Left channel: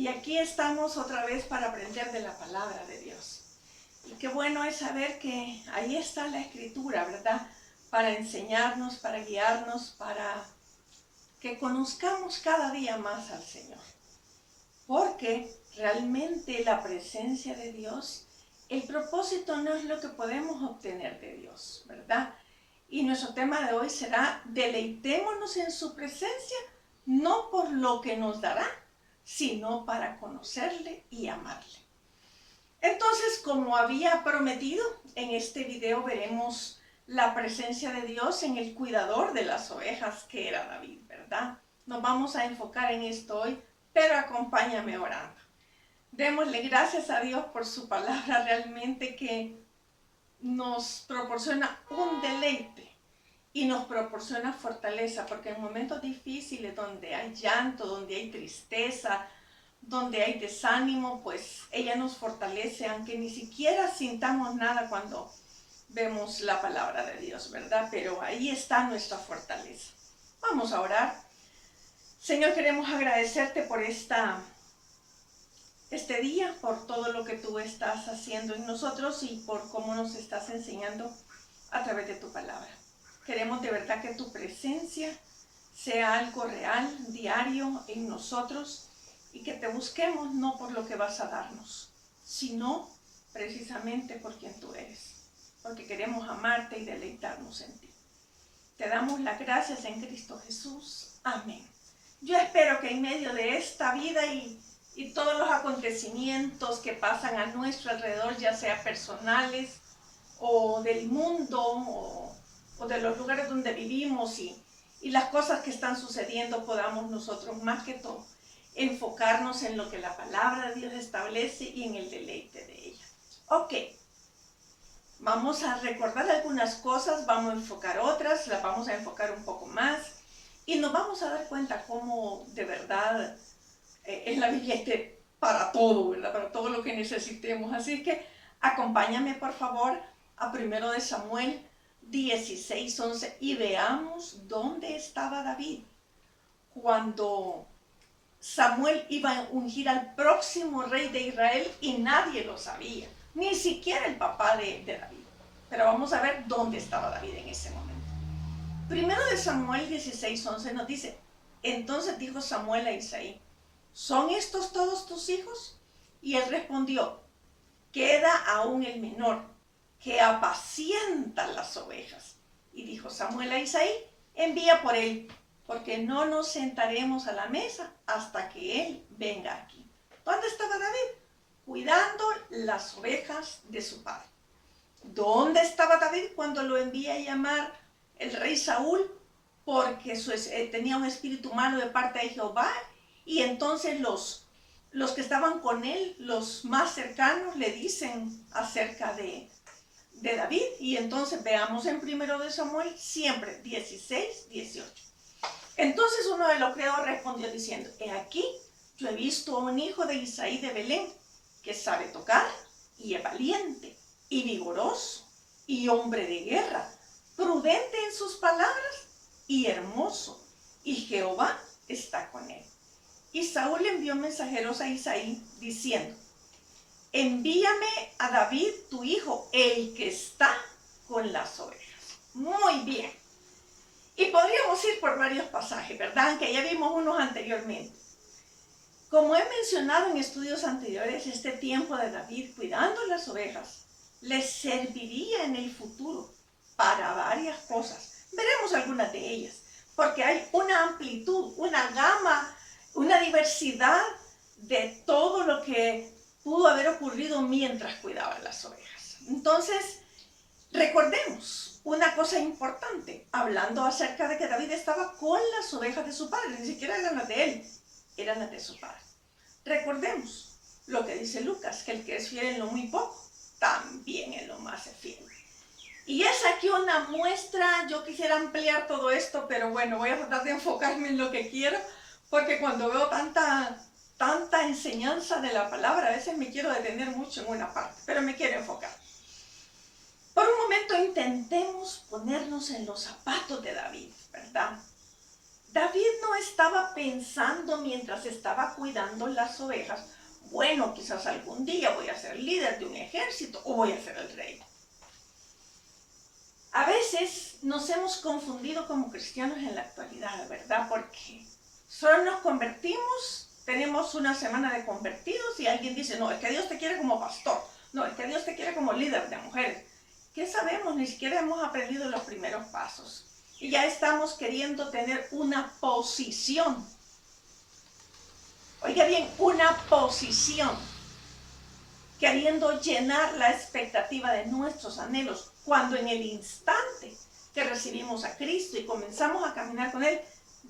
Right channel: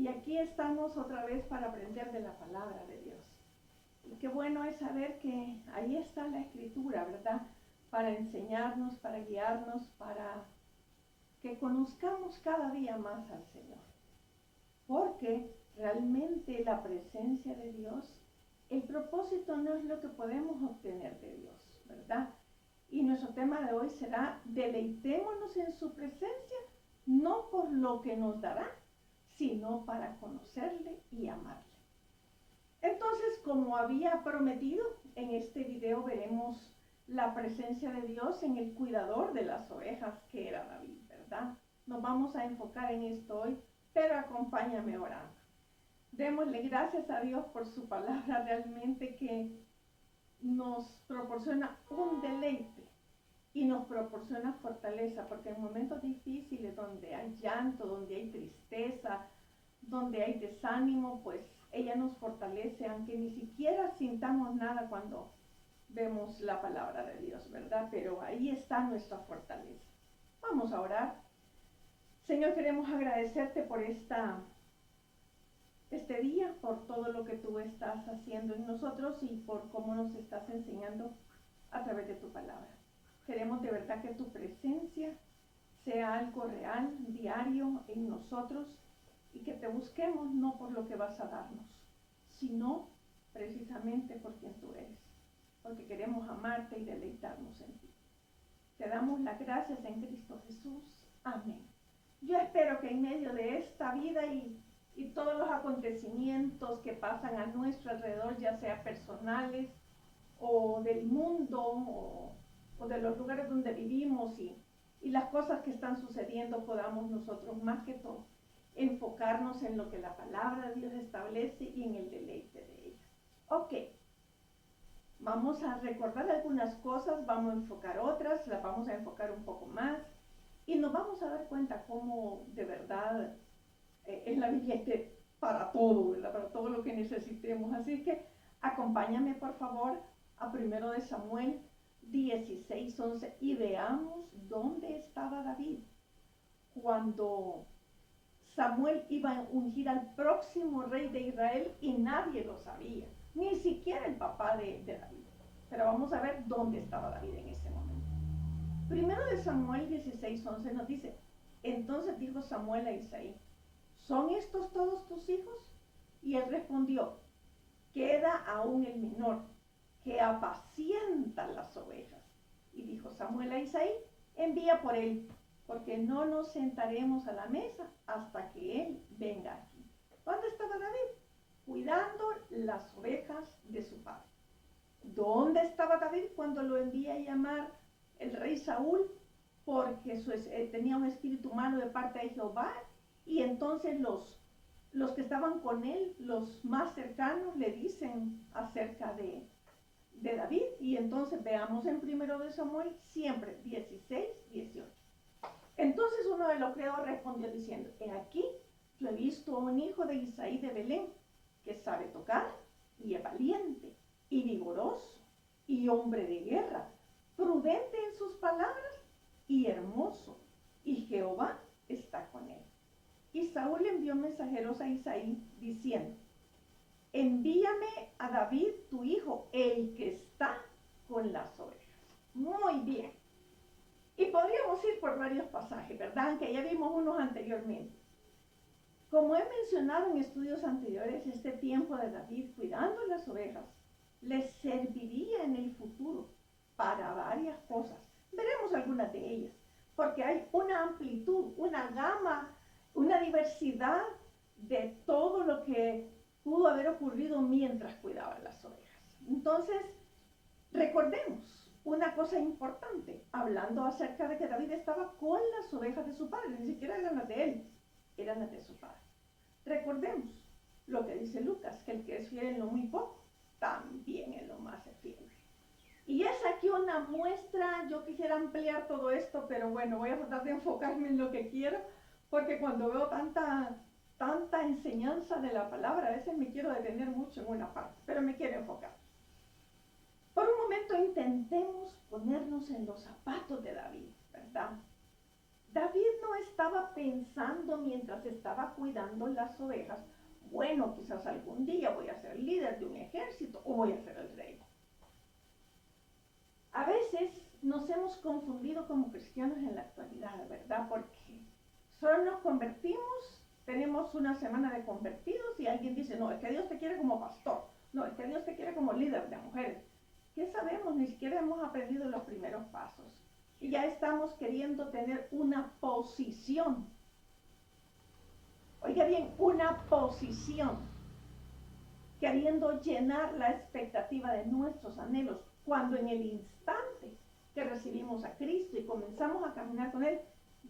Y aquí estamos otra vez para aprender de la palabra de Dios. Y qué bueno es saber que ahí está la Escritura, ¿verdad? Para enseñarnos, para guiarnos, para que conozcamos cada día más al Señor. Porque realmente la presencia de Dios, el propósito no es lo que podemos obtener de Dios, ¿verdad? Y nuestro tema de hoy será: deleitémonos en su presencia, no por lo que nos dará, sino para conocerle y amarle. Entonces, como había prometido, en este video veremos la presencia de Dios en el cuidador de las ovejas, que era David, ¿verdad? Nos vamos a enfocar en esto hoy, pero acompáñame orando. Démosle gracias a Dios por su palabra, realmente que nos proporciona un deleite y nos proporciona fortaleza, porque en momentos difíciles donde hay llanto, donde hay tristeza, donde hay desánimo, pues ella nos fortalece, aunque ni siquiera sintamos nada cuando vemos la palabra de Dios, ¿verdad? Pero ahí está nuestra fortaleza. Vamos a orar. Señor, queremos agradecerte por este día, por todo lo que tú estás haciendo en nosotros y por cómo nos estás enseñando a través de tu palabra. Queremos de verdad que tu presencia sea algo real, diario en nosotros, y que te busquemos no por lo que vas a darnos, sino precisamente por quien tú eres, porque queremos amarte y deleitarnos en ti. Te damos las gracias en Cristo Jesús. Amén. Yo espero que en medio de esta vida y todos los acontecimientos que pasan a nuestro alrededor, ya sea personales o del mundo o de los lugares donde vivimos y las cosas que están sucediendo, podamos nosotros más que todo enfocarnos en lo que la palabra de Dios establece y en el deleite de ella. Ok, vamos a recordar algunas cosas, vamos a enfocar otras, las vamos a enfocar un poco más y nos vamos a dar cuenta cómo de verdad es la Biblia para todo, ¿verdad? Para todo lo que necesitemos. Así que acompáñame por favor a 1 de Samuel 16:11 y veamos dónde estaba David cuando Samuel iba a ungir al próximo rey de Israel y nadie lo sabía, ni siquiera el papá de David. Pero vamos a ver dónde estaba David en ese momento. 1 de Samuel 16:11 nos dice: entonces dijo Samuel a Isaí, ¿son estos todos tus hijos? Y él respondió, queda aún el menor, que apacienta las ovejas. Y dijo Samuel a Isaí, envía por él, porque no nos sentaremos a la mesa hasta que él venga aquí. ¿Dónde estaba David? Cuidando las ovejas de su padre. ¿Dónde estaba David cuando lo envía a llamar el rey Saúl? Porque tenía un espíritu malo de parte de Jehová, y entonces los que estaban con él, los más cercanos, le dicen acerca de David. Y entonces veamos en 1 de Samuel siempre 16:18. Entonces uno de los criados respondió diciendo, he aquí, yo he visto a un hijo de Isaí de Belén, que sabe tocar, y es valiente, y vigoroso, y hombre de guerra, prudente en sus palabras, y hermoso, y Jehová está con él. Y Saúl envió mensajeros a Isaí, diciendo, envíame a David tu hijo, el que está con las ovejas. Muy bien. Y podríamos ir por varios pasajes, ¿verdad? Que ya vimos unos anteriormente. Como he mencionado en estudios anteriores, este tiempo de David cuidando las ovejas les serviría en el futuro para varias cosas. Veremos algunas de ellas, porque hay una amplitud, una gama, una diversidad de todo lo que pudo haber ocurrido mientras cuidaba las ovejas. Entonces, recordemos una cosa importante, hablando acerca de que David estaba con las ovejas de su padre, ni siquiera eran las de él, eran las de su padre. Recordemos lo que dice Lucas, que el que es fiel en lo muy poco, también en lo más es fiel. Y es aquí una muestra. Yo quisiera ampliar todo esto, pero bueno, voy a tratar de enfocarme en lo que quiero, porque cuando veo tanta enseñanza de la palabra, a veces me quiero detener mucho en una parte, pero me quiero enfocar. Por un momento intentemos ponernos en los zapatos de David, ¿verdad? David no estaba pensando mientras estaba cuidando las ovejas, bueno, quizás algún día voy a ser líder de un ejército o voy a ser el rey. A veces nos hemos confundido como cristianos en la actualidad, ¿verdad? Porque solo nos convertimos, tenemos una semana de convertidos y alguien dice, no, es que Dios te quiere como pastor, no, es que Dios te quiere como líder de mujeres. ¿Qué sabemos? Ni siquiera hemos aprendido los primeros pasos. Y ya estamos queriendo tener una posición. Oiga bien, una posición. Queriendo llenar la expectativa de nuestros anhelos, cuando en el instante que recibimos a Cristo y comenzamos a caminar con Él,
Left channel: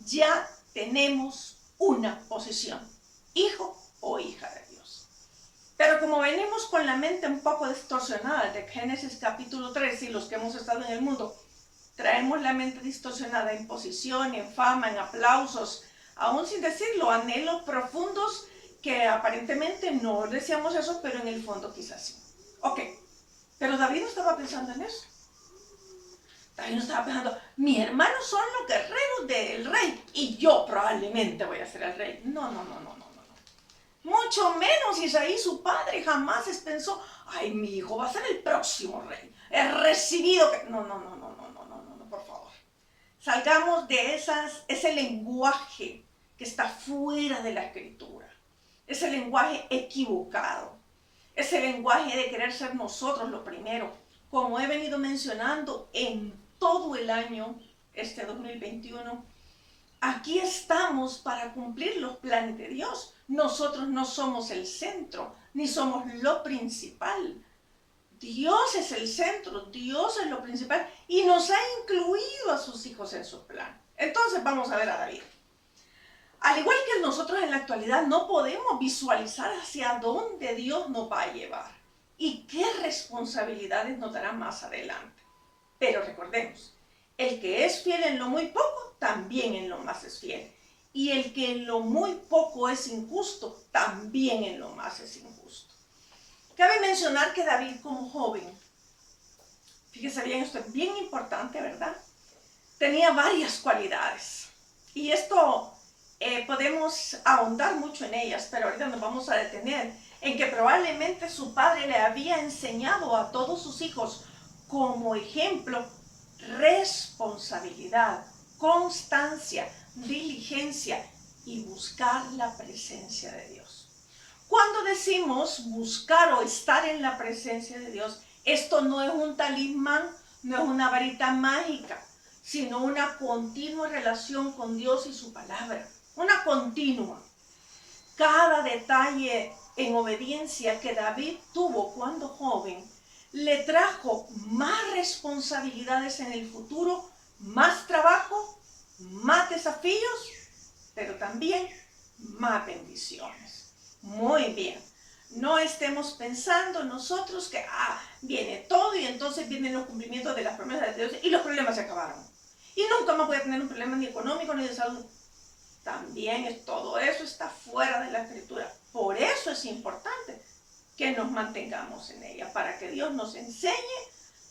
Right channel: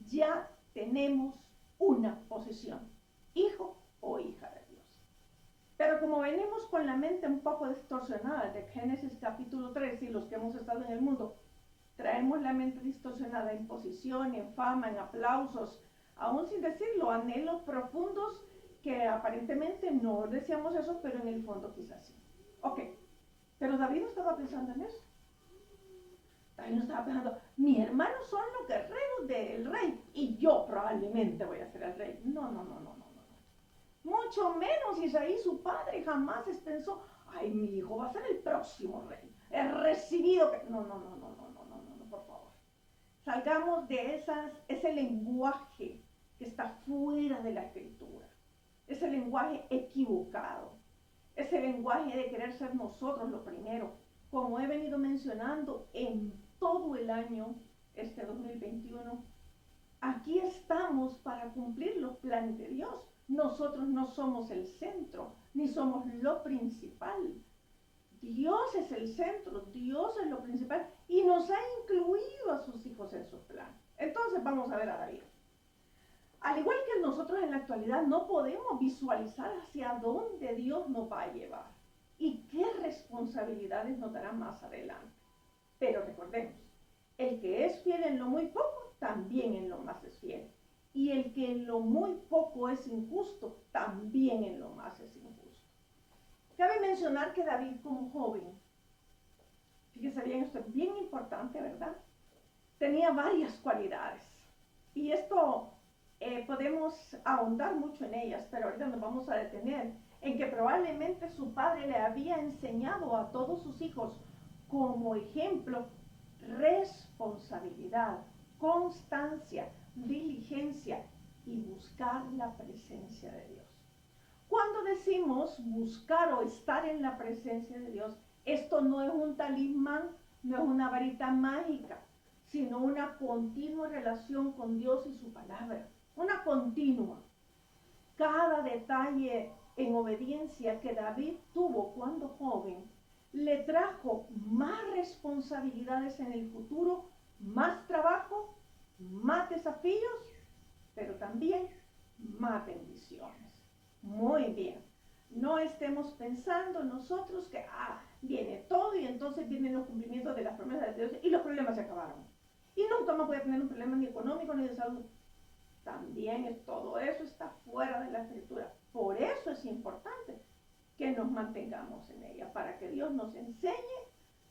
ya tenemos una posición, hijo o hija de Dios. Pero como venimos con la mente un poco distorsionada de Génesis capítulo 3 y los que hemos estado en el mundo, traemos la mente distorsionada en posición, en fama, en aplausos, aún sin decirlo, anhelos profundos que aparentemente no deseamos eso, pero en el fondo quizás sí. Ok, pero David no estaba pensando en eso. David no estaba pensando, mis hermanos son los guerreros del rey y yo probablemente voy a ser el rey. No. Mucho menos Isaí, su padre, jamás pensó, ay, mi hijo va a ser el próximo rey. He recibido que... No, por favor. Salgamos de ese lenguaje que está fuera de la escritura. Ese lenguaje equivocado, ese lenguaje de querer ser nosotros lo primero, como he venido mencionando en todo el año, este 2021, aquí estamos para cumplir los planes de Dios. Nosotros no somos el centro, ni somos lo principal. Dios es el centro, Dios es lo principal y nos ha incluido a sus hijos en su plan. Entonces vamos a ver a David. Al igual que nosotros en la actualidad no podemos visualizar hacia dónde Dios nos va a llevar y qué responsabilidades nos dará más adelante. Pero recordemos, el que es fiel en lo muy poco, también en lo más es fiel. Y el que en lo muy poco es injusto, también en lo más es injusto. Cabe mencionar que David como joven, fíjese bien, esto es bien importante, ¿verdad? Tenía varias cualidades. Y esto podemos ahondar mucho en ellas, pero ahorita nos vamos a detener en que probablemente su padre le había enseñado a todos sus hijos como ejemplo responsabilidad, constancia, diligencia y buscar la presencia de Dios. Cuando decimos buscar o estar en la presencia de Dios, esto no es un talismán, no es una varita mágica, sino una continua relación con Dios y su palabra. Una continua. Cada detalle en obediencia que David tuvo cuando joven le trajo más responsabilidades en el futuro, más trabajo, más desafíos, pero también más bendiciones. Muy bien. No estemos pensando nosotros que viene todo y entonces vienen los cumplimientos de las promesas de Dios y los problemas se acabaron. Y nunca más voy a tener un problema ni económico ni de salud. También todo eso está fuera de la escritura. Por eso es importante que nos mantengamos en ella, para que Dios nos enseñe,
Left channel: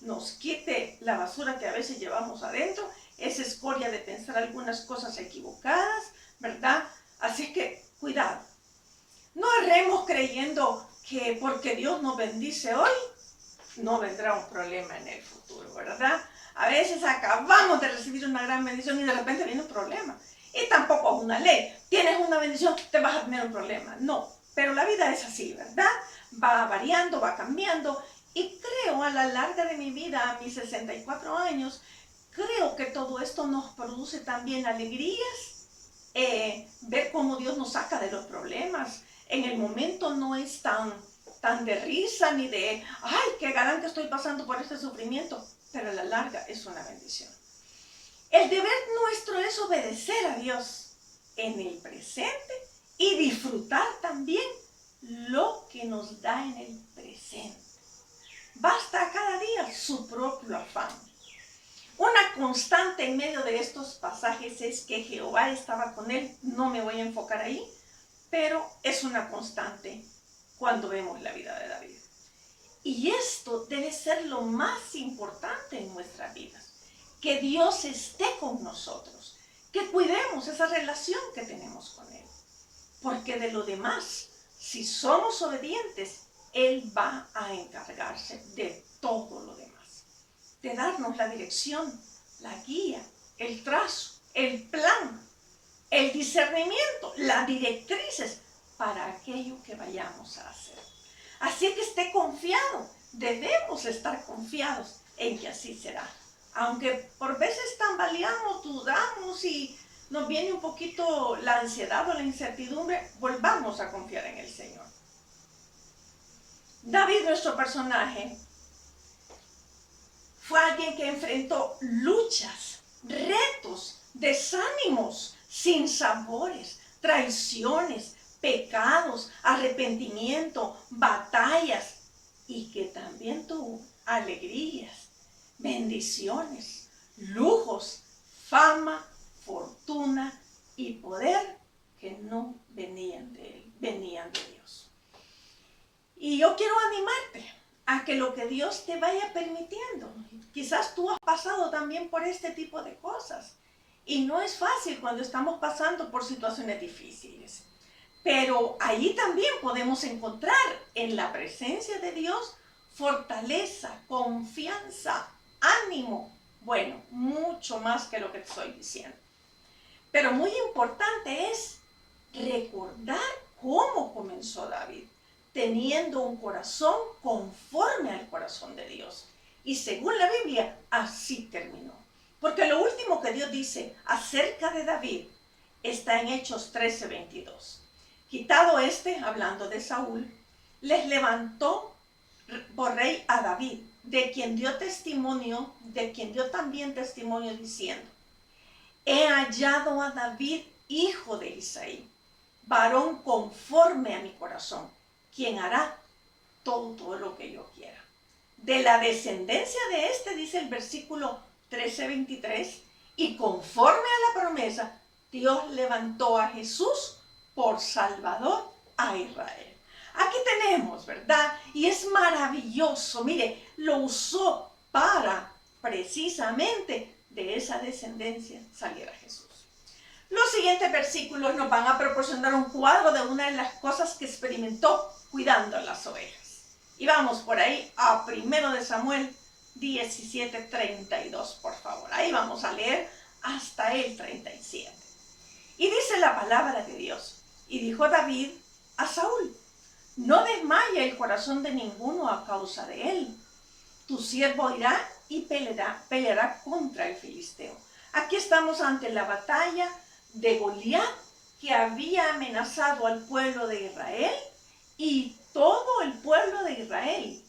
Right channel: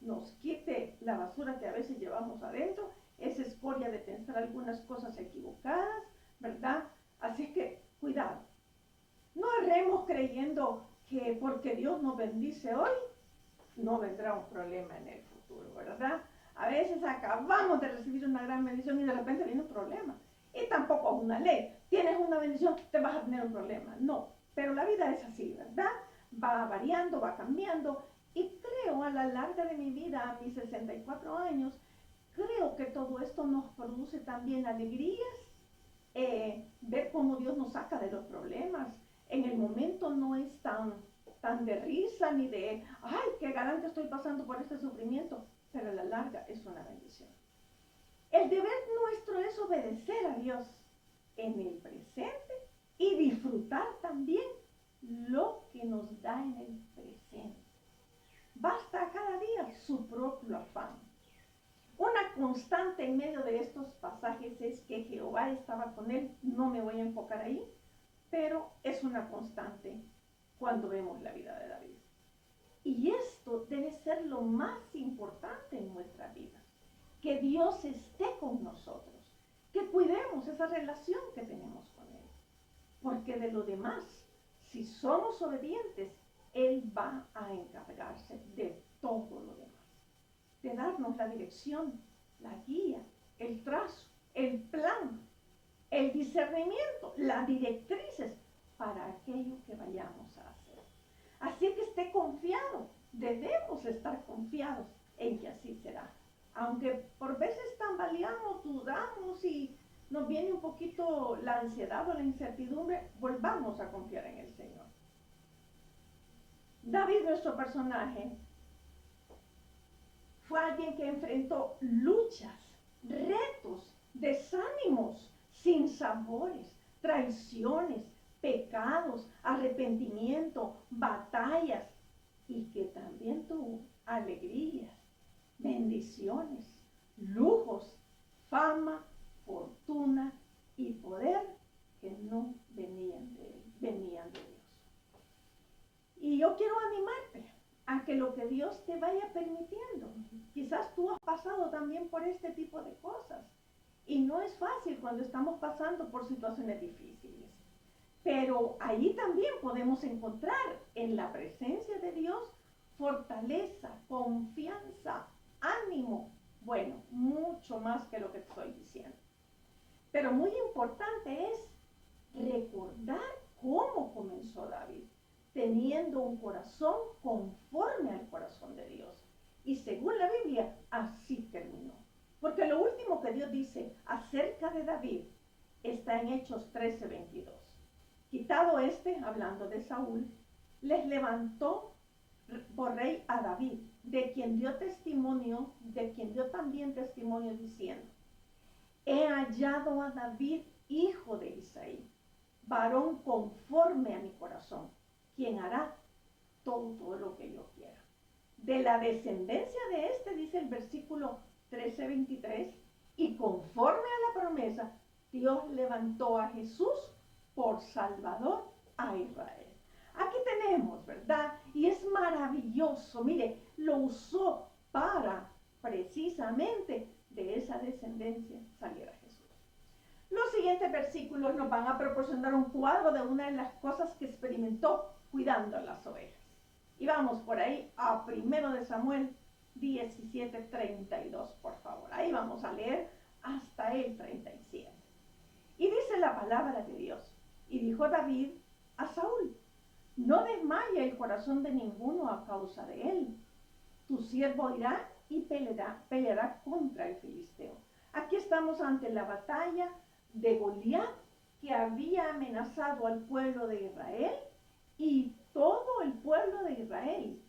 nos quite la basura que a veces llevamos adentro, esa escoria de pensar algunas cosas equivocadas, ¿verdad? Así es que, cuidado. No erremos creyendo que porque Dios nos bendice hoy, no vendrá un problema en el futuro, ¿verdad? A veces acabamos de recibir una gran bendición y de repente viene un problema. Y tampoco es una ley. Tienes una bendición, te vas a tener un problema. No, pero la vida es así, ¿verdad? Va variando, va cambiando. Y creo a la larga de mi vida, a mis 64 años, creo que todo esto nos produce también alegrías. Ver cómo Dios nos saca de los problemas. En el momento no es tan de risa ni de, ay, qué galán que estoy pasando por este sufrimiento, pero a la larga es una bendición. El deber nuestro es obedecer a Dios en el presente y disfrutar también lo que nos da en el presente. Basta cada día su propio afán. Una constante en medio de estos pasajes es que Jehová estaba con él. No me voy a enfocar ahí, pero es una constante cuando vemos la vida de David. Y esto debe ser lo más importante en nuestras vidas. Que Dios esté con nosotros, que cuidemos esa relación que tenemos con Él. Porque de lo demás, si somos obedientes, Él va a encargarse de todo lo demás. De darnos la dirección, la guía, el trazo, el plan, el discernimiento, las directrices para aquello que vayamos a hacer. Así que esté confiado, debemos estar confiados en que así será. Aunque por veces tambaleamos, dudamos y nos viene un poquito la ansiedad o la incertidumbre, volvamos a confiar en el Señor. David, nuestro personaje, fue alguien que enfrentó luchas, retos, desánimos, sinsabores, traiciones, pecados, arrepentimiento, batallas, y que también tuvo alegrías, bendiciones, lujos, fama, fortuna y poder que no venían de él, venían de Dios. Y yo quiero animarte a que lo que Dios te vaya permitiendo, quizás tú has pasado también por este tipo de cosas, y no es fácil cuando estamos pasando por situaciones difíciles, pero ahí también podemos encontrar en la presencia de Dios fortaleza, confianza, ánimo, bueno, mucho más que lo que te estoy diciendo. Pero muy importante es recordar cómo comenzó David, teniendo un corazón conforme al corazón de Dios. Y según la Biblia, así terminó. Porque lo último que Dios dice acerca de David está en Hechos 13:22. Quitado hablando de Saúl, les levantó por rey a David, de quien dio también testimonio diciendo: he hallado a David, hijo de Isaí, varón conforme a mi corazón, quien hará todo lo que yo quiera. De la descendencia de dice el versículo 13:23, y conforme a la promesa, Dios levantó a Jesús por Salvador a Israel. Aquí tenemos, ¿verdad? Y es maravilloso. Mire, lo usó para precisamente de esa descendencia saliera Jesús. Los siguientes versículos nos van a proporcionar un cuadro de una de las cosas que experimentó cuidando las ovejas. Y vamos por ahí a 1 Samuel 17:32, por favor. Ahí vamos a leer hasta el 37. Y dice la palabra de Dios: y dijo David a Saúl: no desmaye el corazón de ninguno a causa de él. Tu siervo irá y peleará contra el filisteo. Aquí estamos ante la batalla de Goliat, que había amenazado al pueblo de Israel y todo el pueblo de Israel.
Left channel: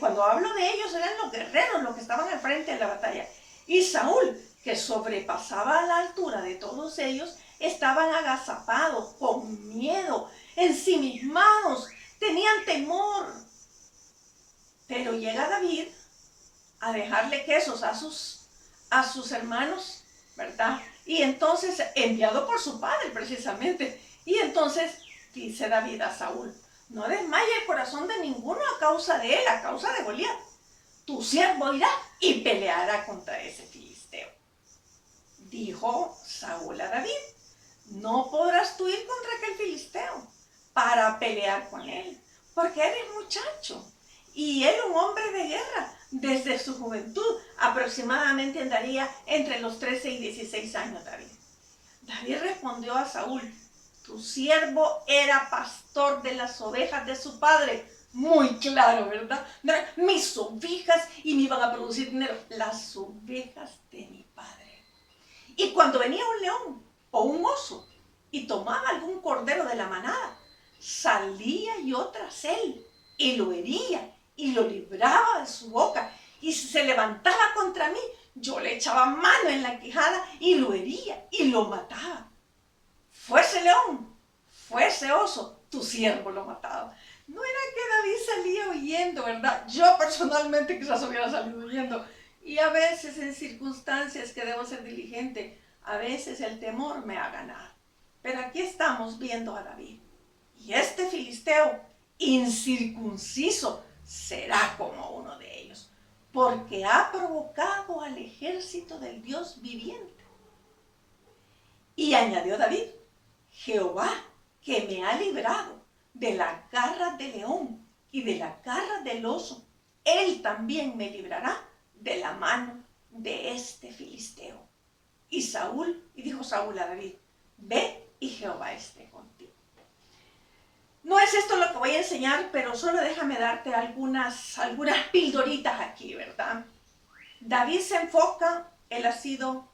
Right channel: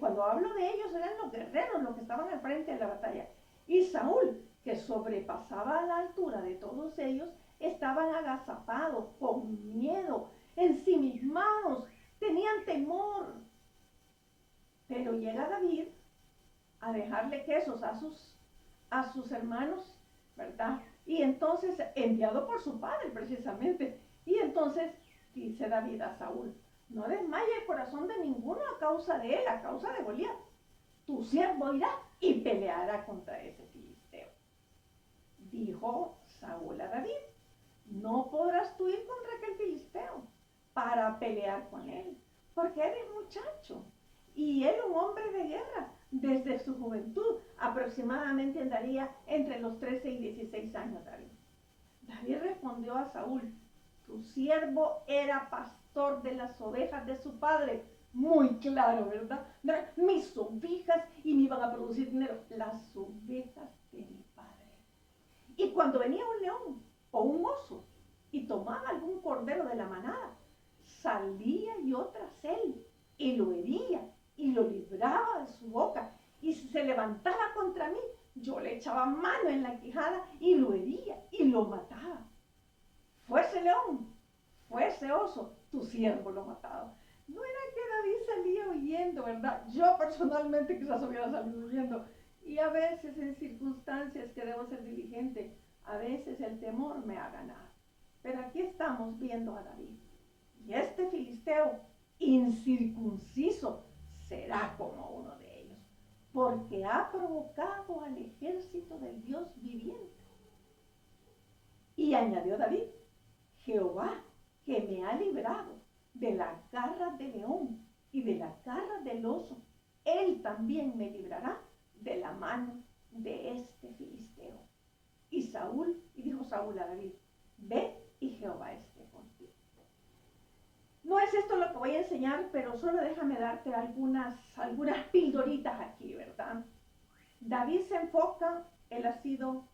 Cuando hablo de ellos, eran los guerreros los que estaban al frente de la batalla. Y Saúl, que sobrepasaba a la altura de todos ellos, estaban agazapados, con miedo, ensimismados, tenían temor. Pero llega David a dejarle quesos a sus hermanos, ¿verdad? Y entonces, enviado por su padre precisamente, y entonces dice David a Saúl: no desmaye el corazón de ninguno a causa de él, a causa de Goliat. Tu siervo irá y peleará contra ese filisteo. Dijo Saúl a David: no podrás tú ir contra aquel filisteo para pelear con él, porque eres muchacho y él un hombre de guerra desde su juventud. Aproximadamente andaría entre los 13 y 16 años David. David respondió a Saúl: tu siervo era pastor de las ovejas de su padre. Muy claro, ¿verdad? Mis ovejas, y me iban a producir dinero. Las ovejas de mi padre. Y cuando venía un león o un oso y tomaba algún cordero de la manada, salía yo tras él y lo hería y lo libraba de su boca. Y si se levantaba contra mí, yo le echaba mano en la quijada y lo hería y lo mataba. Fuese león, fuese oso, tu siervo lo mataba. No era que David salía huyendo, ¿verdad? Yo personalmente quizás hubiera salido huyendo. Y a veces en circunstancias que debo ser diligente, a veces el temor me ha ganado. Pero aquí estamos viendo a David. Y este filisteo incircunciso será como uno de ellos, porque ha provocado al ejército del Dios viviente. Y añadió David, Jehová, que me ha librado de la garra del león y de la garra del oso, él también me librará de la mano de este filisteo. Y dijo Saúl a David, ve y Jehová esté contigo. No es esto lo que voy a enseñar, pero solo déjame darte algunas pildoritas aquí, ¿verdad? David se enfoca, él ha sido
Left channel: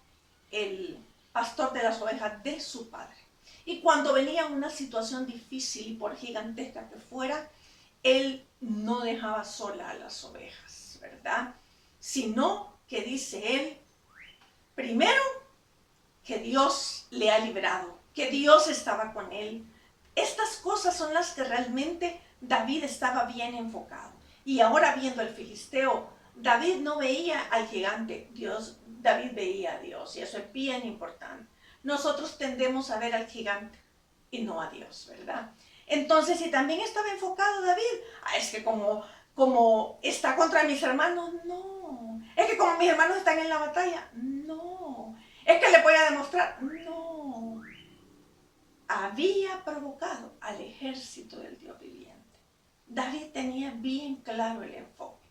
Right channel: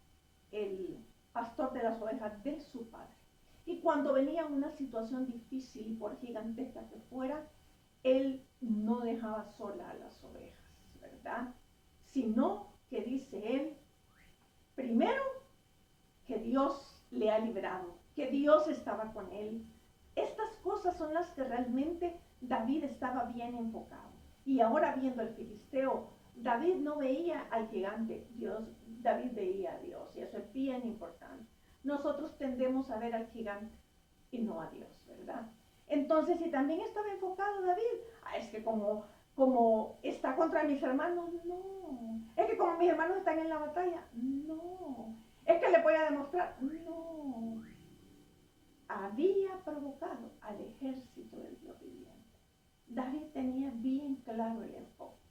el pastor de las ovejas de su padre. Y cuando venía una situación difícil y por gigantesca que fuera, él no dejaba sola a las ovejas, ¿verdad? Sino que dice él, primero, que Dios le ha librado, que Dios estaba con él. Estas cosas son las que realmente David estaba bien enfocado. Y ahora viendo el filisteo, David no veía al gigante, David veía a Dios, y eso es bien importante. Nosotros tendemos a ver al gigante y no a Dios, ¿verdad? Entonces, si también estaba enfocado David, es que como está contra mis hermanos, no. Es que como mis hermanos están en la batalla, no. Es que le voy a demostrar, no. Había provocado al ejército del Dios viviente. David tenía bien claro el enfoque.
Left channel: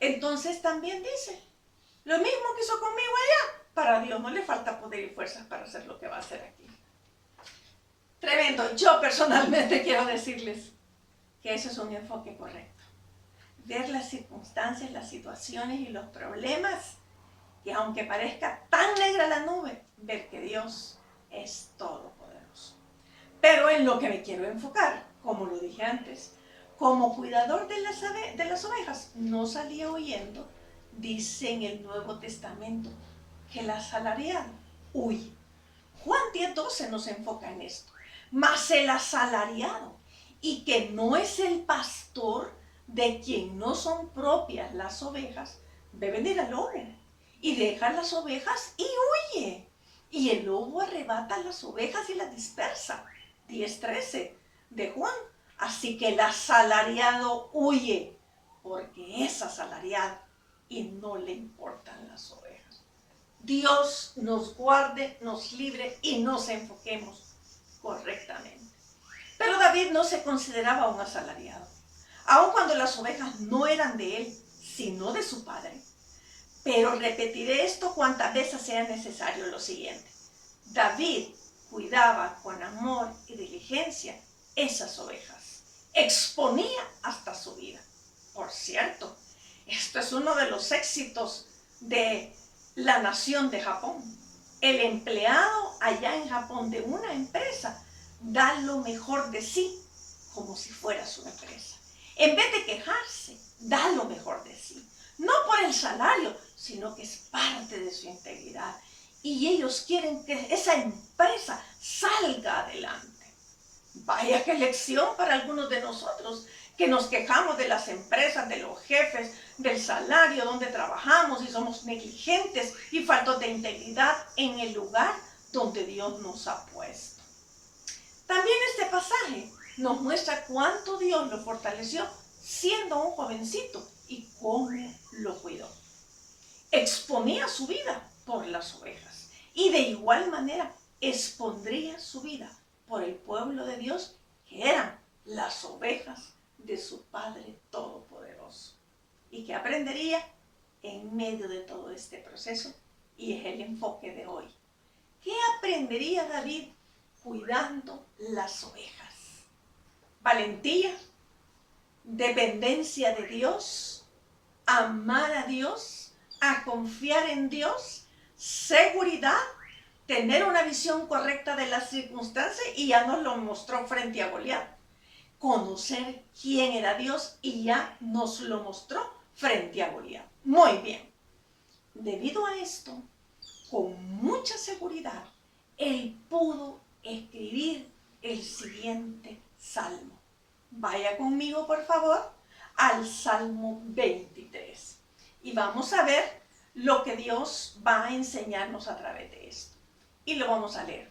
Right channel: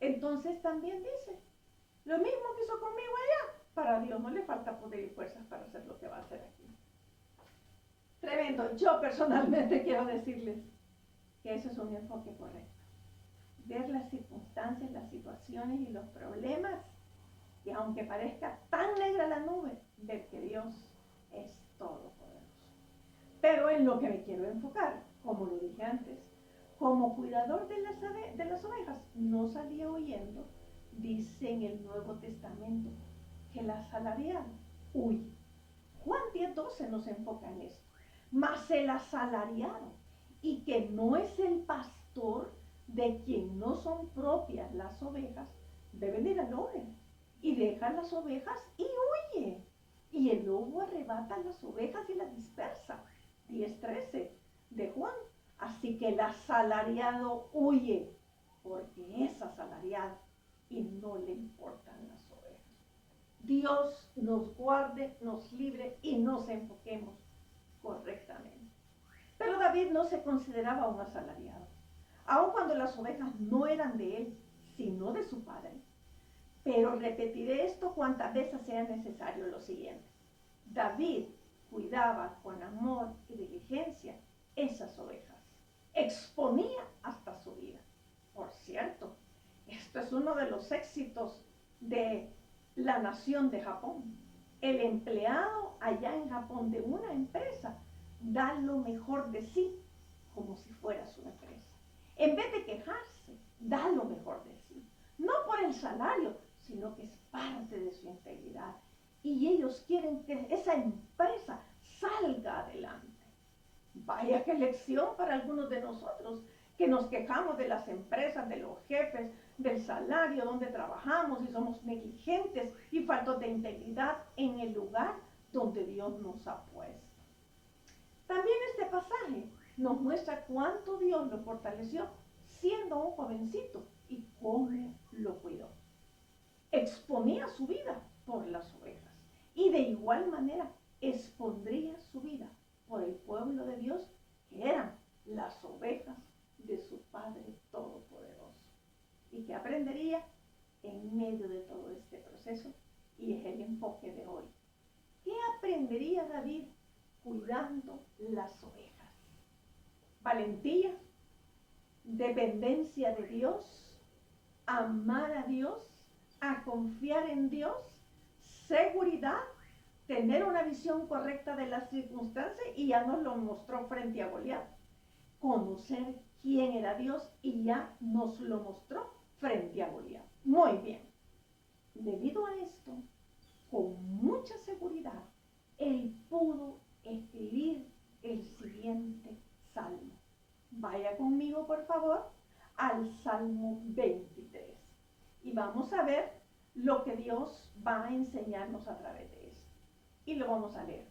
Entonces también dice, lo mismo que hizo conmigo allá, para Dios no le falta poder y fuerzas para hacer lo que va a hacer aquí. Tremendo. Yo personalmente quiero decirles que eso es un enfoque correcto. Ver las circunstancias, las situaciones y los problemas, y aunque parezca tan negra la nube, ver que Dios es todopoderoso. Pero en lo que me quiero enfocar, como lo dije antes, como cuidador de las ovejas, no salía huyendo, dice en el Nuevo Testamento, que el asalariado huye. Juan 10:12 nos enfoca en esto. Mas el asalariado, y que no es el pastor de quien no son propias las ovejas, ve venir al lobo y deja las ovejas y huye. Y el lobo arrebata las ovejas y las dispersa. 10:13 de Juan. Así que el asalariado huye, porque es asalariado y no le importan las ovejas. Dios nos guarde, nos libre y nos enfoquemos correctamente. Pero David no se consideraba un asalariado, aun cuando las ovejas no eran de él, sino de su padre. Pero repetiré esto cuantas veces sea necesario lo siguiente. David cuidaba con amor y diligencia esas ovejas. Exponía hasta su vida. Por cierto, esto es uno de los éxitos de la nación de Japón. El empleado allá en Japón de una empresa da lo mejor de sí como si fuera su empresa. En vez de quejarse, da lo mejor de sí. No por el salario, sino que es parte de su integridad. Y ellos quieren que esa empresa salga adelante. Vaya qué lección para algunos de nosotros que nos quejamos de las empresas, de los jefes, del salario donde trabajamos y somos negligentes y faltos de integridad en el lugar donde Dios nos ha puesto. También este pasaje nos muestra cuánto Dios lo fortaleció siendo un jovencito y cómo lo cuidó. Exponía su vida por las ovejas y de igual manera expondría su vida por el pueblo de Dios, que eran las ovejas de su Padre Todopoderoso. ¿Y qué aprendería en medio de todo este proceso? Y es el enfoque de hoy. ¿Qué aprendería David cuidando las ovejas? Valentía, dependencia de Dios, amar a Dios, a confiar en Dios, seguridad, tener una visión correcta de las circunstancias, y ya nos lo mostró frente a Goliat. Conocer quién era Dios y ya nos lo mostró frente a Goliat. Muy bien. Debido a esto, con mucha seguridad, él pudo escribir el siguiente salmo. Vaya conmigo, por favor, al Salmo 23. Y vamos a ver lo que Dios va a enseñarnos a través de esto. Y lo vamos a leer.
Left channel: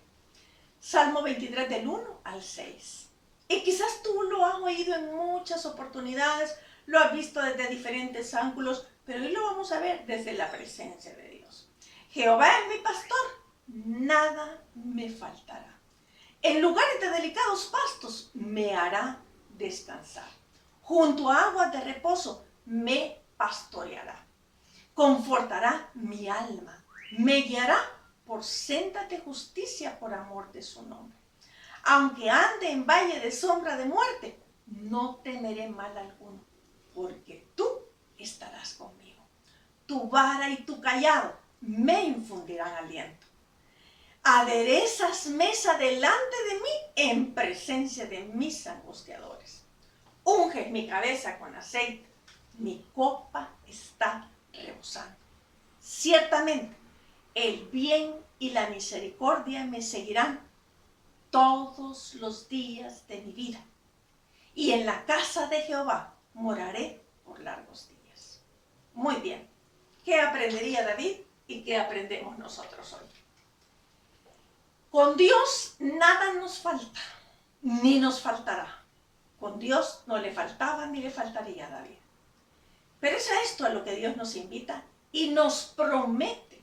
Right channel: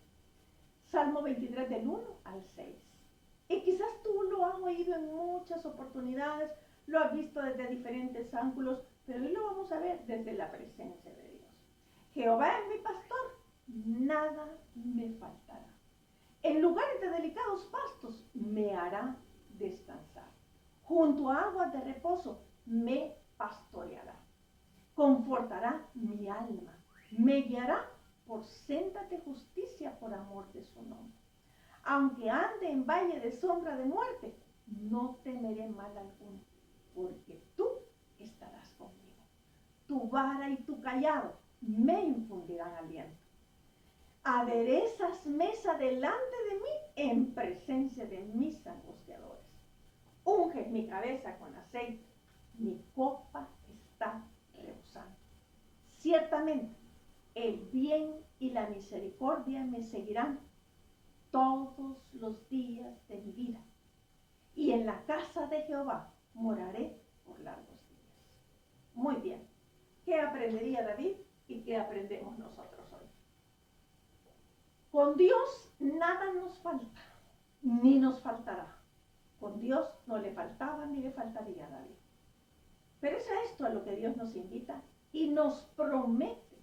Salmo 23 del 1 al 6. Y quizás tú lo has oído en muchas oportunidades, lo has visto desde diferentes ángulos, pero hoy lo vamos a ver desde la presencia de Dios. Jehová es mi pastor, nada me faltará. En lugares de delicados pastos me hará descansar. Junto a aguas de reposo me pastoreará. Confortará mi alma. Me guiará por sendas de justicia por amor de su nombre. Aunque ande en valle de sombra de muerte, no temeré mal alguno, porque tú estarás conmigo. Tu vara y tu cayado me infundirán aliento. Aderezas mesa delante de mí en presencia de mis angustiadores. Unges mi cabeza con aceite, mi copa está rebosando. Ciertamente, el bien y la misericordia me seguirán todos los días de mi vida, y en la casa de Jehová moraré por largos días. Muy bien, ¿qué aprendería David y qué aprendemos nosotros hoy? Con Dios nada nos falta, ni nos faltará. Con Dios no le faltaba ni le faltaría a David. Pero es a esto a lo que Dios nos invita y nos promete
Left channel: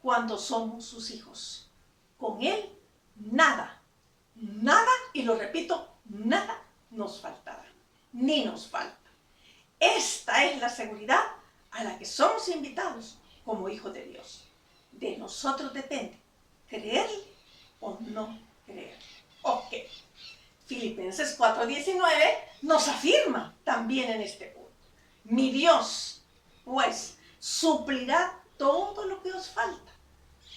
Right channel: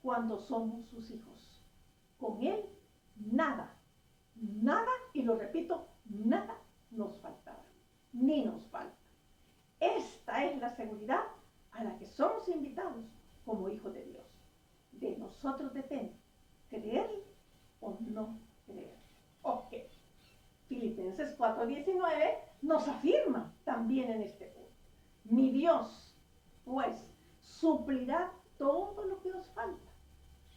cuando somos sus hijos. Con Él nada, y lo repito, nada nos faltará, ni nos falta. Esta es la seguridad a la que somos invitados como hijos de Dios. De nosotros depende creer o no creer. Ok. Filipenses 4:19 nos afirma también en este punto. Mi Dios, pues, suplirá todo lo que os falta,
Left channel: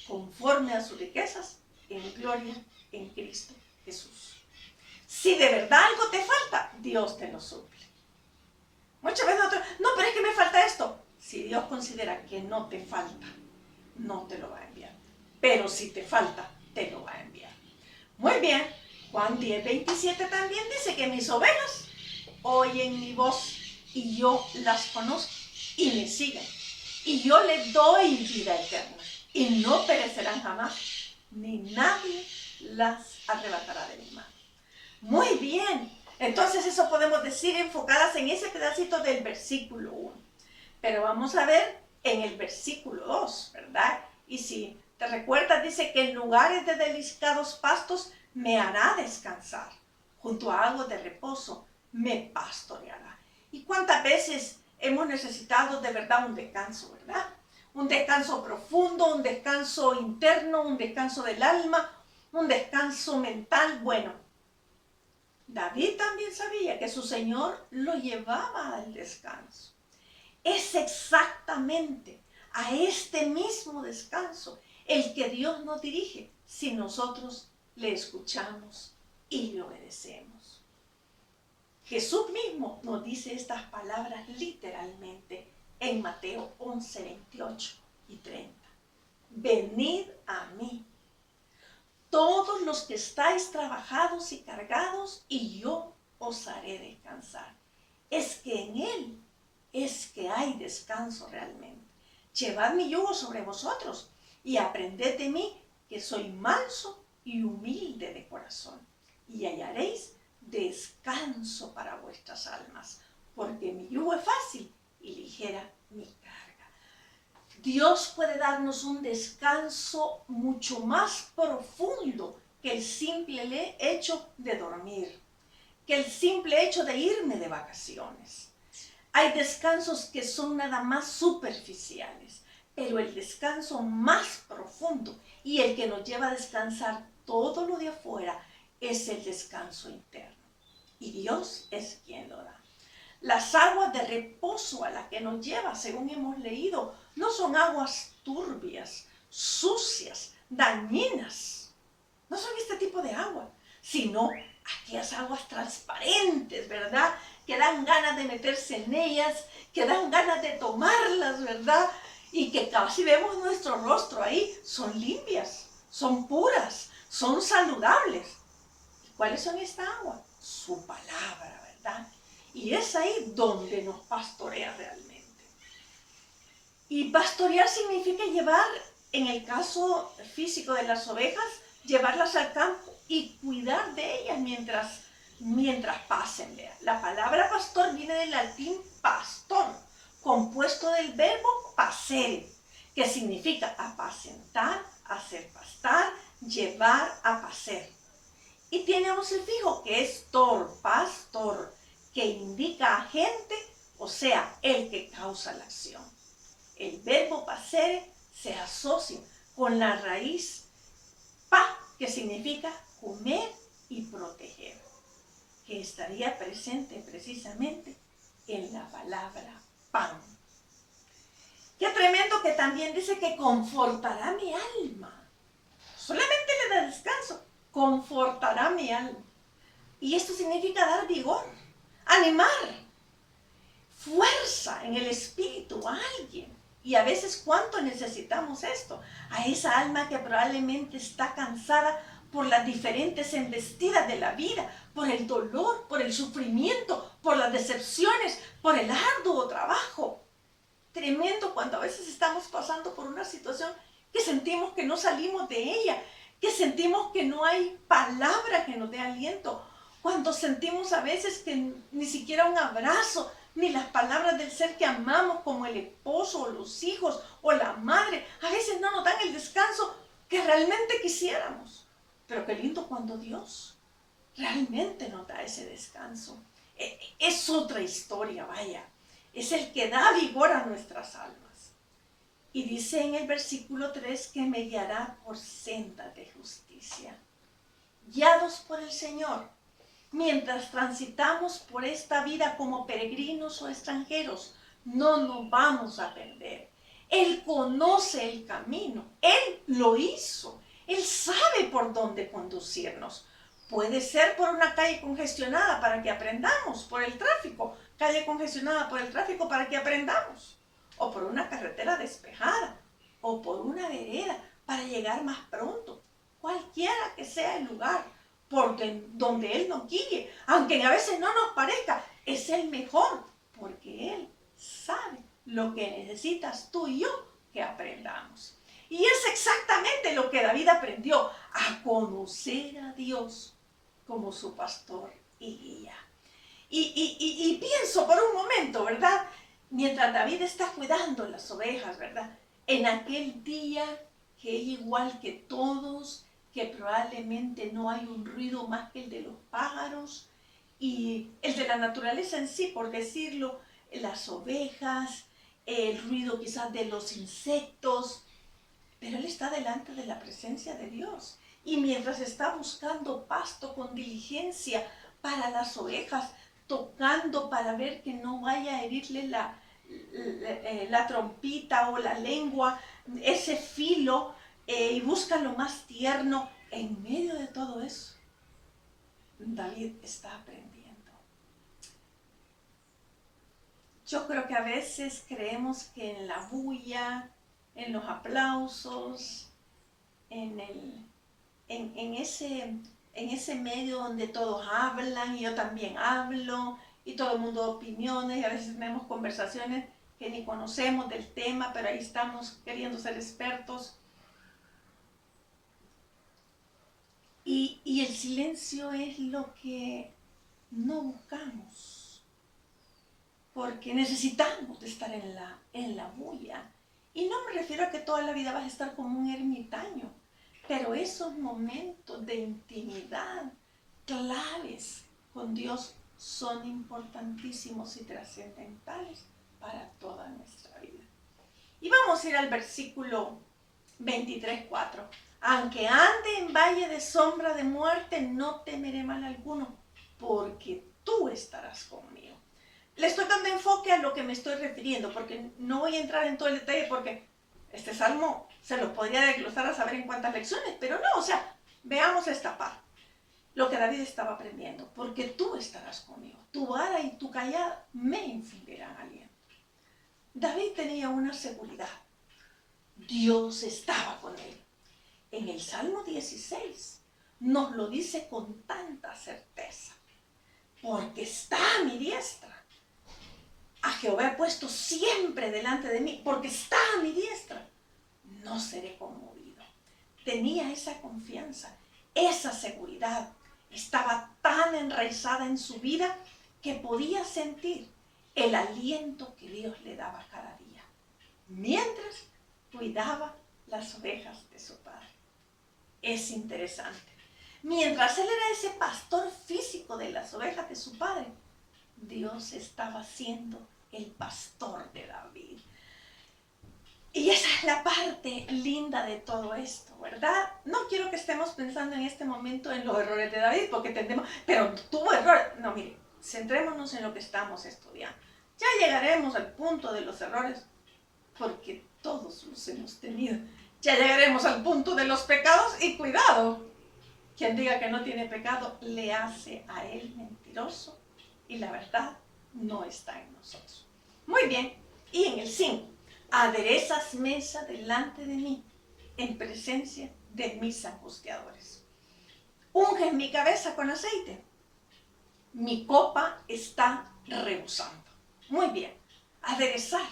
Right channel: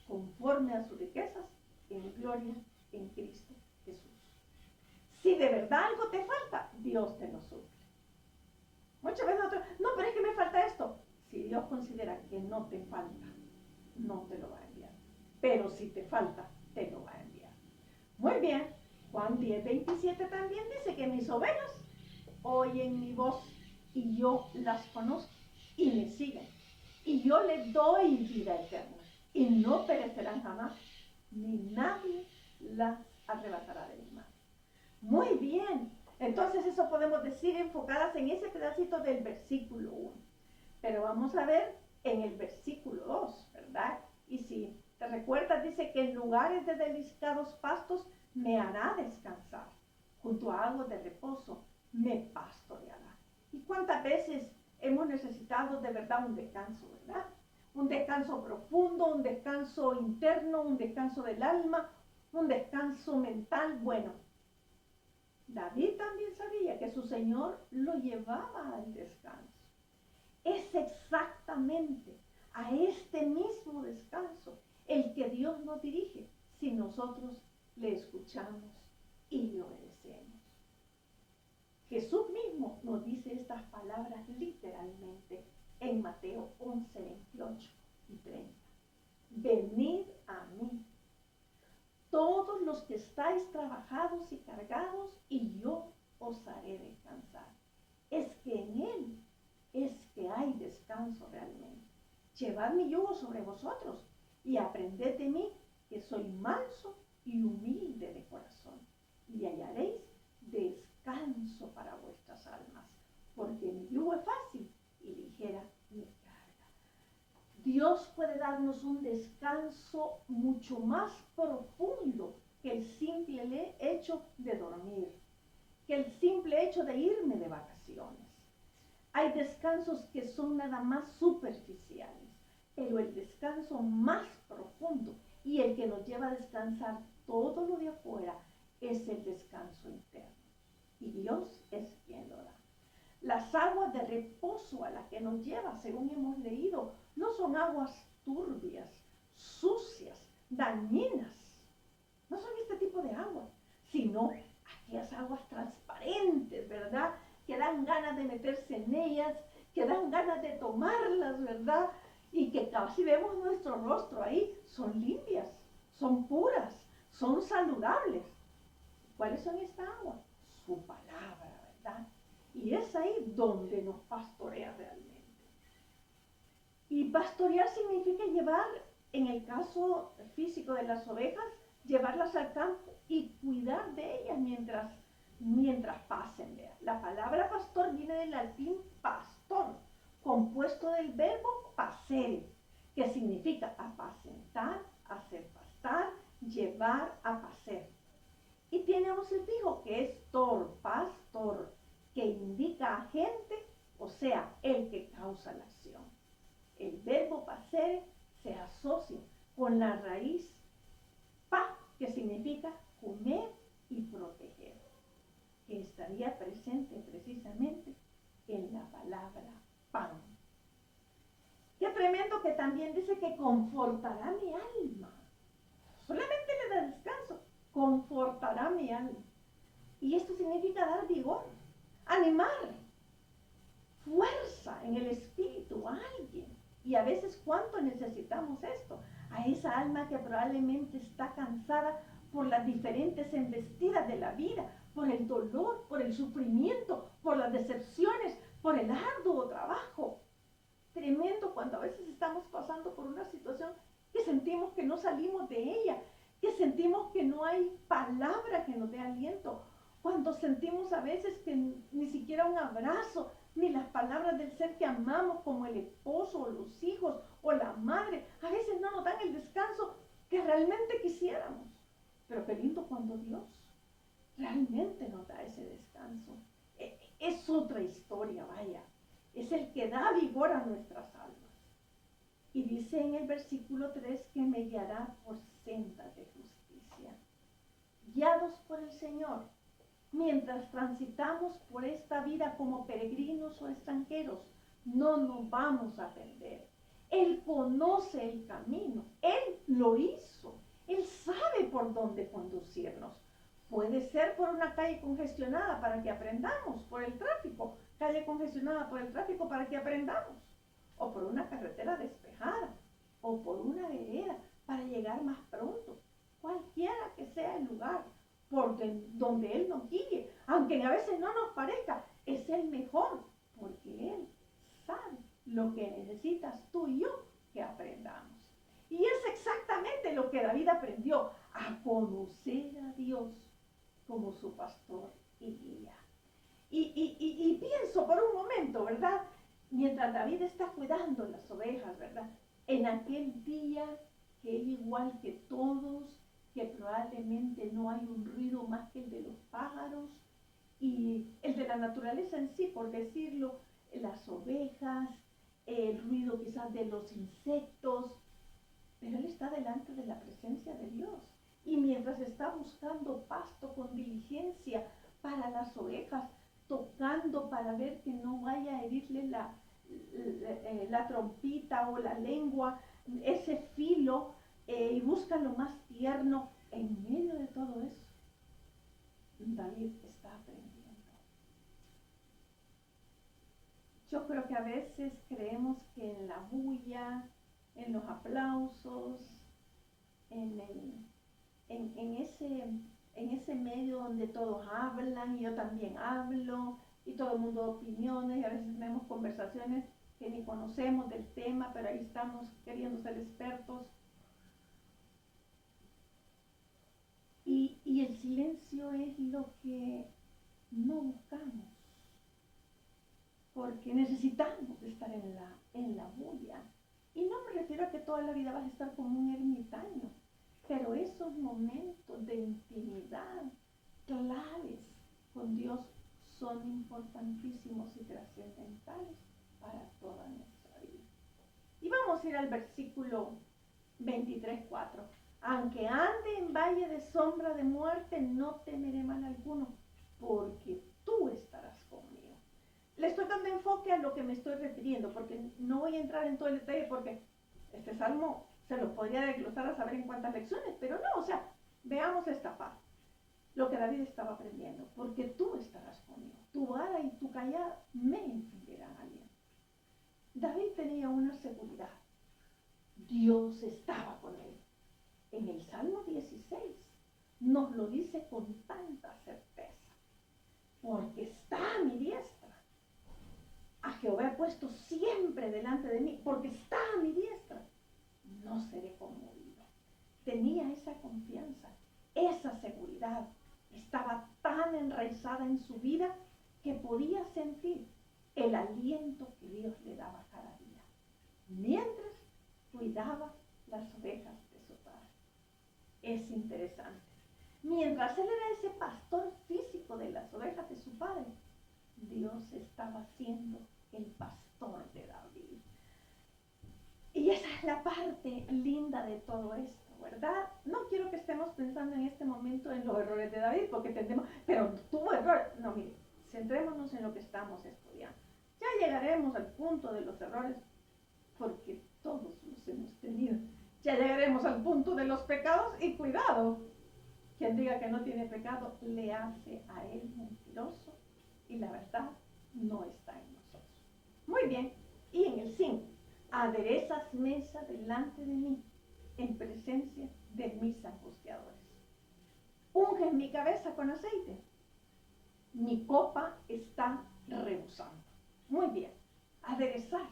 conforme a sus riquezas en gloria en Cristo Jesús. Si de verdad algo te falta, Dios te lo suple. Muchas veces nosotros, no, pero es que me falta esto. Si Dios considera que no te falta, no te lo va a enviar. Pero si te falta, te lo va a enviar. Muy bien, Juan 10:27 también dice que mis ovejas oyen mi voz y yo las conozco y me siguen. Y yo les doy vida eterna y no perecerán jamás, ni nadie las arrebatará de mi mano. Muy bien, entonces eso podemos decir enfocadas en ese pedacito del versículo 1. Pero vamos a ver en el versículo 2, ¿verdad? Y si te recuerdas, dice que en lugares de delicados pastos me hará descansar. Junto a aguas de reposo me pastoreará. ¿Y cuántas veces hemos necesitado de verdad un descanso, verdad? Un descanso profundo, un descanso interno, un descanso del alma, un descanso mental. Bueno, David también sabía que su Señor lo llevaba al descanso. Es exactamente a este mismo descanso el que Dios nos dirige si nosotros le escuchamos y le obedecemos. Jesús mismo nos dice estas palabras literalmente en Mateo 11:28 y 30. Venid a mí, todos los que estáis trabajados y cargados, y yo os haré descansar. Es que en Él es que hay descanso realmente. Llevad mi yugo sobre vosotros y aprended de mí, que soy manso y humilde de corazón, y hallaréis descanso para vuestras almas, porque mi yugo es fácil y ligera mi carga. Dios puede darnos un descanso mucho más profundo que el simple hecho de dormir, que el simple hecho de irme de vacaciones. Hay descansos que son nada más superficiales, pero el descanso más profundo y el que nos lleva a descansar todo lo de afuera es el descanso interno. Y Dios es quien lo da. Las aguas de reposo a las que nos lleva, según hemos leído, no son aguas turbias, sucias, dañinas. No son este tipo de agua, sino aquellas aguas transparentes, ¿verdad? Que dan ganas de meterse en ellas, que dan ganas de tomarlas, ¿verdad? Y que casi vemos nuestro rostro ahí, son limpias, son puras, son saludables. ¿Y cuáles son esta agua? Su palabra, ¿verdad? Y es ahí donde nos pastorea realmente. Y pastorear significa llevar, en el caso físico de las ovejas, llevarlas al campo y cuidar de ellas mientras pasen. Vea. La palabra pastor viene del latín pastor, compuesto del verbo pasere, que significa apacentar, hacer pastar. apastar, llevar a pacer. Y tiene un sufijo que es tor, pastor, que indica agente, o sea, el que causa la acción. El verbo pasere se asocia con la raíz pa, que significa comer y proteger, que estaría presente precisamente en la palabra pan. Qué tremendo que también dice que confortará mi alma. Solamente le da descanso, confortará mi alma. Y esto significa dar vigor, animar, fuerza en el espíritu a alguien. Y a veces cuánto necesitamos esto, a esa alma que probablemente está cansada por las diferentes embestidas de la vida, por el dolor, por el sufrimiento, por las decepciones, por el arduo trabajo. Tremendo cuando a veces estamos pasando por una situación que sentimos que no salimos de ella, que sentimos que no hay palabra que nos dé aliento, cuando sentimos a veces que ni siquiera un abrazo, ni las palabras del ser que amamos como el esposo o los hijos o la madre, a veces no nos dan el descanso que realmente quisiéramos. Pero qué lindo cuando Dios realmente nos da ese descanso. Es otra historia, vaya. Es el que da vigor a nuestras almas. Y dice en el versículo 3 que me guiará por sendas de justicia. Guiados por el Señor, mientras transitamos por esta vida como peregrinos o extranjeros, no nos vamos a perder. Él conoce el camino, Él lo hizo, Él sabe por dónde conducirnos. Puede ser por una calle congestionada para que aprendamos, por el tráfico, calle congestionada por el tráfico para que aprendamos, o por una carretera despejada, o por una vereda para llegar más pronto, cualquiera que sea el lugar por donde Él nos guíe, aunque a veces no nos parezca, es el mejor, porque Él sabe lo que necesitas tú y yo que aprendamos. Y es exactamente lo que David aprendió, a conocer a Dios como su pastor y guía. Y pienso por un momento, ¿verdad? Mientras David está cuidando las ovejas, ¿verdad? En aquel día que igual que todos, que probablemente no hay un ruido más que el de los pájaros y el de la naturaleza en sí, por decirlo, las ovejas, el ruido quizás de los insectos, pero él está delante de la presencia de Dios. Y mientras está buscando pasto con diligencia para las ovejas, tocando para ver que no vaya a herirle la trompita o la lengua, ese filo, y busca lo más tierno, en medio de todo eso, David está aprendiendo. Yo creo que a veces creemos que en la bulla, en los aplausos, en ese medio donde todos hablan y yo también hablo y todo el mundo da opiniones y a veces tenemos conversaciones que ni conocemos del tema, pero ahí estamos queriendo ser expertos. Y el silencio es lo que no buscamos, porque necesitamos de estar en la bulla. Y no me refiero a que toda la vida vas a estar como un ermitaño, pero esos momentos de intimidad claves con Dios son importantísimos y trascendentales para toda nuestra vida. Y vamos a ir al versículo 23:4. Aunque ande en valle de sombra de muerte, no temeré mal alguno, porque tú estarás conmigo. Le estoy dando enfoque a lo que me estoy refiriendo, porque no voy a entrar en todo el detalle, porque este salmo se lo podría desglosar a saber en cuántas lecciones, pero no, o sea, veamos esta parte. Lo que David estaba aprendiendo, porque tú estarás conmigo, tu vara y tu callado me infundirán aliento. David tenía una seguridad, Dios estaba con él. En el Salmo 16 nos lo dice con tanta certeza, porque está a mi diestra. A Jehová he puesto siempre delante de mí, porque está a mi diestra. No seré conmovido. Tenía esa confianza, esa seguridad. Estaba tan enraizada en su vida que podía sentir el aliento que Dios le daba cada día, mientras cuidaba las ovejas de su padre. es interesante. Mientras él era ese pastor físico de las ovejas de su padre, Dios estaba siendo el pastor de David. Y esa es la parte linda de todo esto, ¿verdad? No quiero que estemos pensando en este momento en los errores de David, porque tendemos, pero tuvo errores. No, mire, centrémonos en lo que estamos estudiando. Ya llegaremos al punto de los errores, porque todos los hemos tenido. Ya llegaremos al punto de los pecados y cuidado. Quien diga que no tiene pecado, le hace a él mentiroso y la verdad no está en nosotros. Muy bien, y en el 5. Aderezas mesa delante de mí, en presencia de mis angustiadores. Unges mi cabeza con aceite. Mi copa está rebosando. Muy bien, aderezar.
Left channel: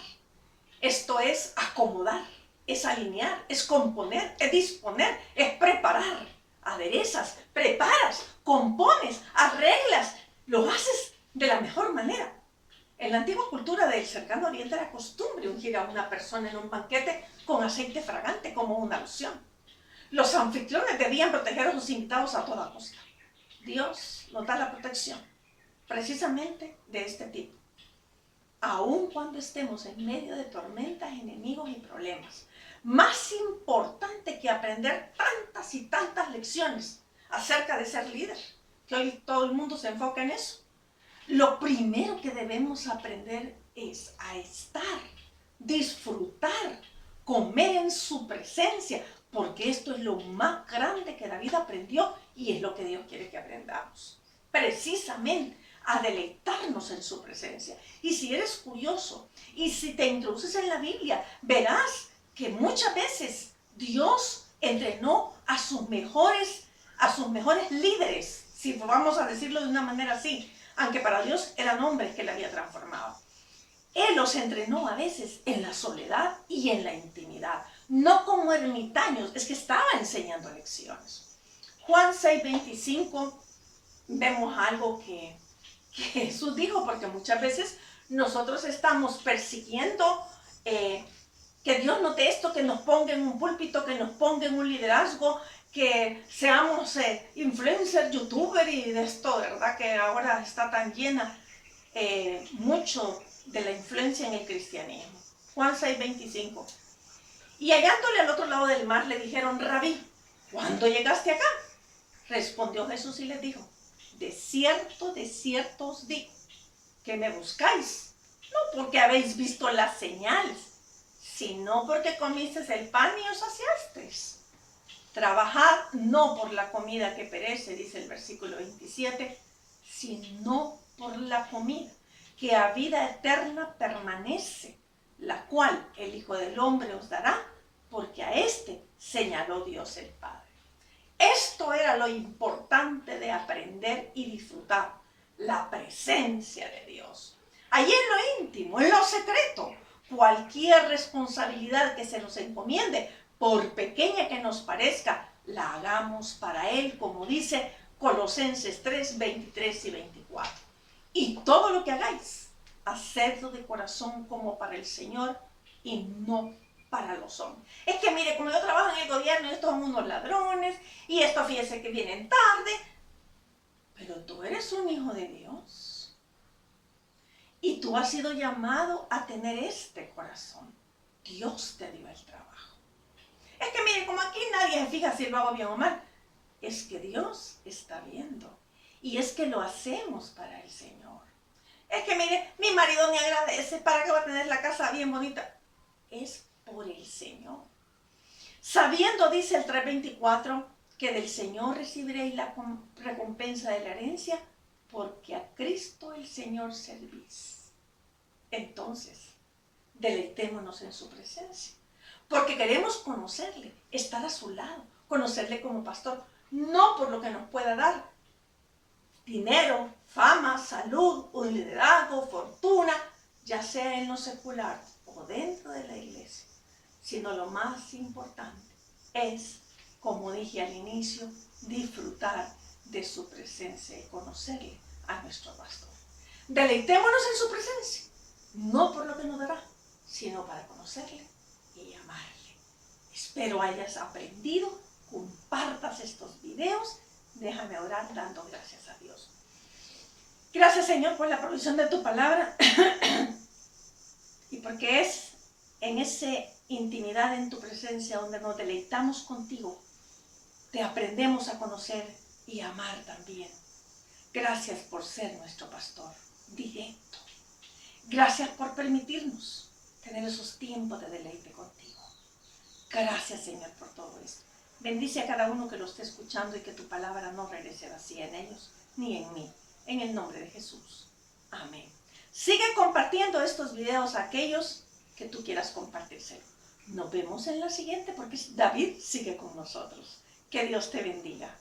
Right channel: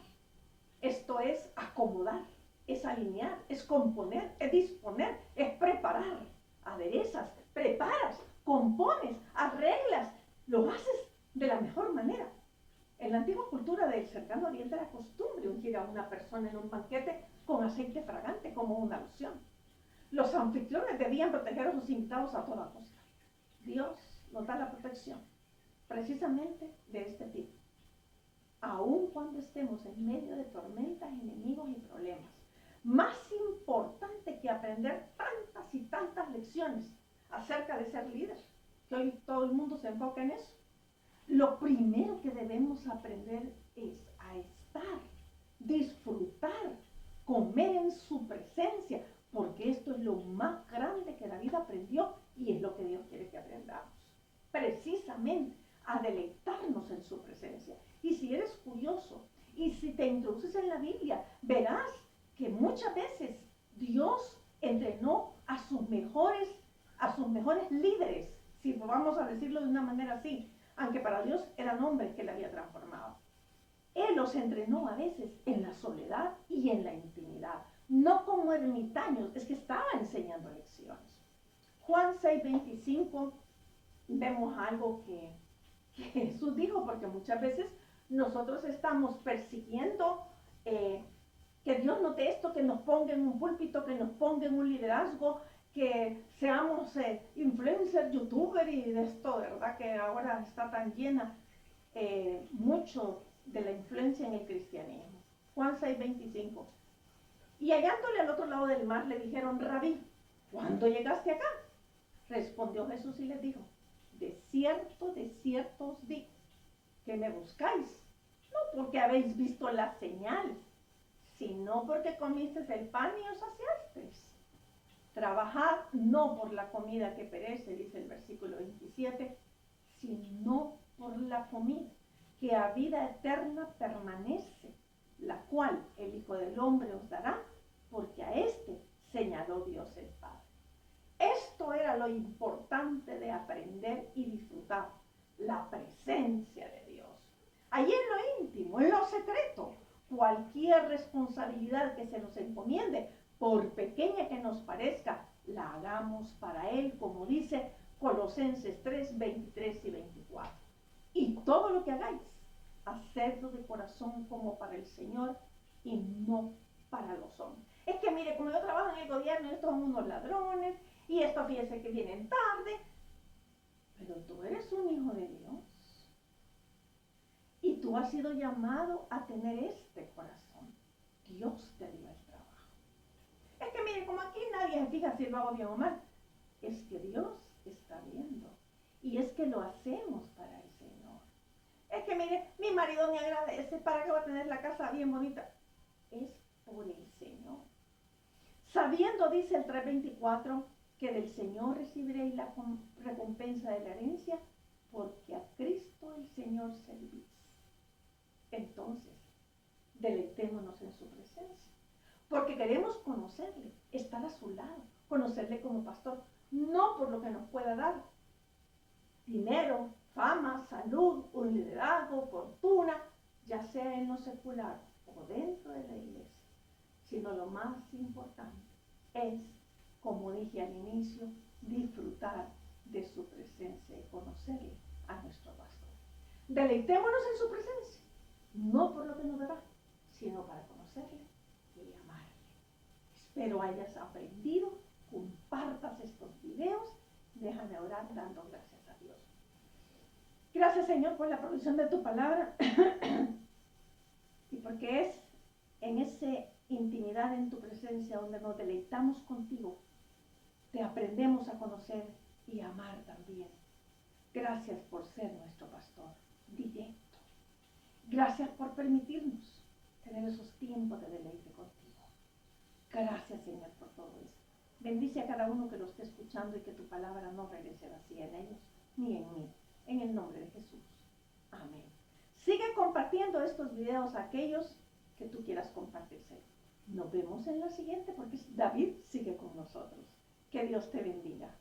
Esto es acomodar, es alinear, es componer, es disponer, es preparar. Aderezas, preparas, compones, arreglas, lo haces de la mejor manera. En la antigua cultura del cercano oriente era costumbre ungir a una persona en un banquete con aceite fragante como una loción. Los anfitriones debían proteger a sus invitados a toda costa. Dios nos da la protección precisamente de este tipo. Aun cuando estemos en medio de tormentas, enemigos y problemas. Más importante que aprender tantas y tantas lecciones acerca de ser líder, que hoy todo el mundo se enfoca en eso. Lo primero que debemos aprender es a estar, disfrutar, comer en su presencia, porque esto es lo más grande que David aprendió y es lo que Dios quiere que aprendamos. Precisamente a deleitarnos en su presencia. Y si eres curioso y si te introduces en la Biblia, verás que muchas veces Dios entrenó a sus mejores líderes, si vamos a decirlo de una manera así, aunque para Dios eran hombres que le había transformado. Él los entrenó a veces en la soledad y en la intimidad, no como ermitaños, es que estaba enseñando lecciones. Juan 6:25 vemos algo que Jesús dijo, porque muchas veces nosotros estamos persiguiendo que Dios note esto, que nos ponga en un púlpito, que nos ponga en un liderazgo, que seamos influencers, youtubers y de esto, ¿verdad? Que ahora está tan llena mucho de la influencia en el cristianismo. Juan 6:25. Y hallándole al otro lado del mar le dijeron: Rabí, ¿cuándo llegaste acá? Respondió Jesús y les dijo: de cierto os digo, que me buscáis, no porque habéis visto las señales, sino porque comisteis el pan y os saciasteis. Trabajad no por la comida que perece, dice el versículo 27, sino por la comida que a vida eterna permanece, la cual el Hijo del Hombre os dará, porque a éste señaló Dios el Padre. Esto era lo importante de aprender y disfrutar, la presencia de Dios. Allí en lo íntimo, en lo secreto, cualquier responsabilidad que se nos encomiende, por pequeña que nos parezca, la hagamos para Él, como dice Colosenses 3:23 y 24. Y todo lo que hagáis, hacedlo de corazón como para el Señor y no para los hombres. Es que mire, como yo trabajo en el gobierno, estos son unos ladrones, y estos fíjense que vienen tarde, pero tú eres un hijo de Dios. Y tú has sido llamado a tener este corazón. Dios te dio el trabajo. Es que mire, como aquí nadie se fija si lo hago bien o mal, es que Dios está viendo. Y es que lo hacemos para el Señor. Es que mire, mi marido me agradece, ¿para qué va a tener la casa bien bonita? Es por el Señor. Sabiendo, dice el 3:24, que del Señor recibiréis la recompensa de la herencia, porque a Cristo el Señor servís. Entonces, deleitémonos en su presencia, porque queremos conocerle, estar a su lado, conocerle como pastor, no por lo que nos pueda dar, dinero, fama, salud, un liderazgo, fortuna, ya sea en lo secular o dentro de la iglesia, sino lo más importante es, como dije al inicio, disfrutar de su presencia y conocerle a nuestro pastor. Deleitémonos en su presencia, no por lo que nos dará, sino para conocerle y amarle. Espero hayas aprendido compartas estos videos. Déjame orar dando gracias a Dios. Gracias, Señor, por la provisión de tu palabra y porque es en esa intimidad en tu presencia donde nos deleitamos contigo, te aprendemos a conocer y amar también. Gracias por ser nuestro pastor directo. Gracias por permitirnos tener esos tiempos de deleite contigo. Gracias, Señor, por todo esto. Bendice a cada uno que lo esté escuchando y que tu palabra no regrese vacía en ellos ni en mí. En el nombre de Jesús. Amén. Sigue compartiendo estos videos a aquellos que tú quieras compartírselo. Nos vemos en la siguiente porque David sigue con nosotros. Que Dios te bendiga.